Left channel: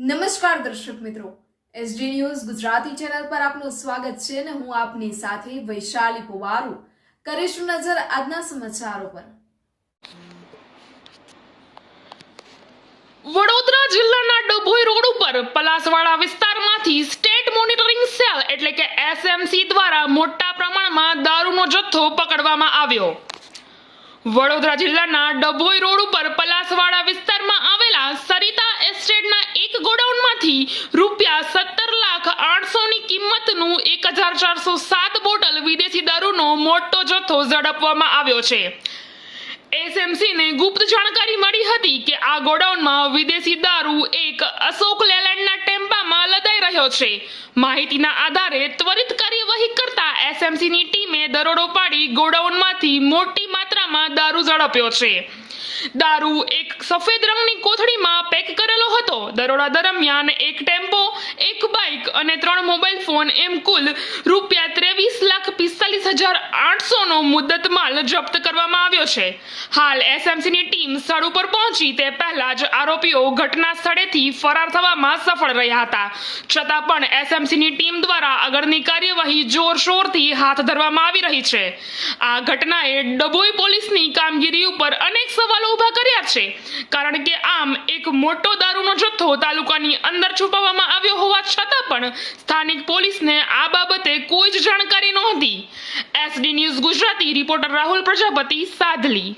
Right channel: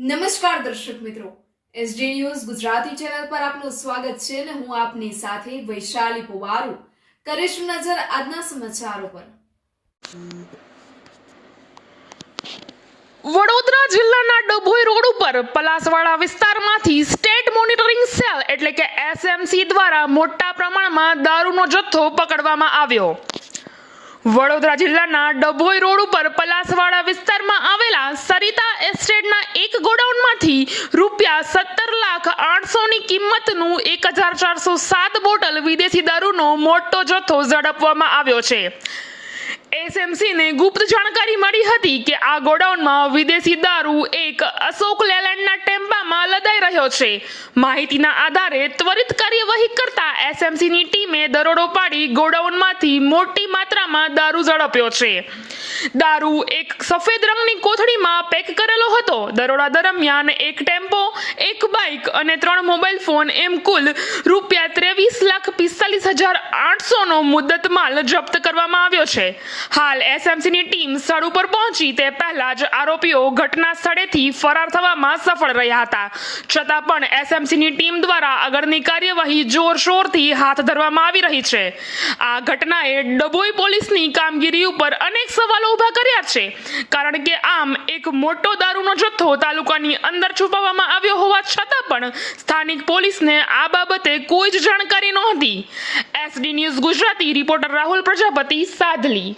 નમસ્કાર દર્શક મિત્રો, એસડી ન્યૂઝ ગુજરાતી ચેનલ પર આપનું સ્વાગત છે અને હું આપની સાથે વૈશાલી પુવારુ કરીશું નજર આજના સમાચારો પર। વડોદરા જિલ્લાના ડભોઈ રોડ ઉપર પલાસવાડા વિસ્તારમાંથી સ્ટેટ મોનિટરિંગ સેલ એટલે કે એસએમસી દ્વારા મોટા પ્રમાણમાં દારૂનો જથ્થો પકડવામાં આવ્યો। વડોદરા જિલ્લાના ડભોઈ રોડ ઉપર પલાસવાડા વિસ્તારમાં આવેલા સરિતા એસ્ટેટના એક ગોડાઉનમાંથી ₹17,08,000 ની કિંમતનું 1,407 બોટલ વિદેશી દારૂનો મોટો જથ્થો ઝડપવામાં આવ્યો છે। એસએમસીને ગુપ્ત જાણકારી મળી હતી કે આ ગોડાઉનમાં વિદેશી દારૂ એક અશોક લેલેન્ડના ટેમ્પામાં લદાઈ રહ્યો છે। માહિતીના આધારે ત્વરિત કાર્યવાહી કરતા એસએમસીની ટીમે દરોડો પાડી ગોડાઉનમાંથી મોટી માત્રામાં દારૂ ઝડપ્યો છે। દારૂ એક સફેદ રંગની કોથળીમાં પેક કરેલો હતો। દરોડા દરમિયાન એક ટેમ્પો, એક બાઇક અને 3 મોબાઈલ ફોન એમ કુલ ₹23,45,800 નો મુદ્દત માલ જપ્ત કરવામાં આવ્યો છે। હાલ એસએમસીની ટીમ સ્થળ ઉપર પહોંચી તે પહેલા જ આરોપીઓ ઘટના સ્થળેથી ફરાર થવામાં સફળ રહ્યા હતા। છતાં પણ એસએમસીની ટીમ દ્વારા આગળની કાર્યવાહી જોરશોરથી હાથ ધરવામાં આવી રહી છે। આ ઘટનાએ ડભોઈ પોલીસની કામગીરી ઉપર અનેક સવાલો ઊભા કર્યા છે, કારણ કે આમ એક મોટો દારૂનો જથ્થો તાલુકાની અંદર છુપાવવામાં આવ્યો હોવા છતાં પણ સ્થાનિક પોલીસને આ બાબતે કોઈ જ જાણકારી નહોતી। SD news Gujarati reporter Rahul Prajapati, Sadhli.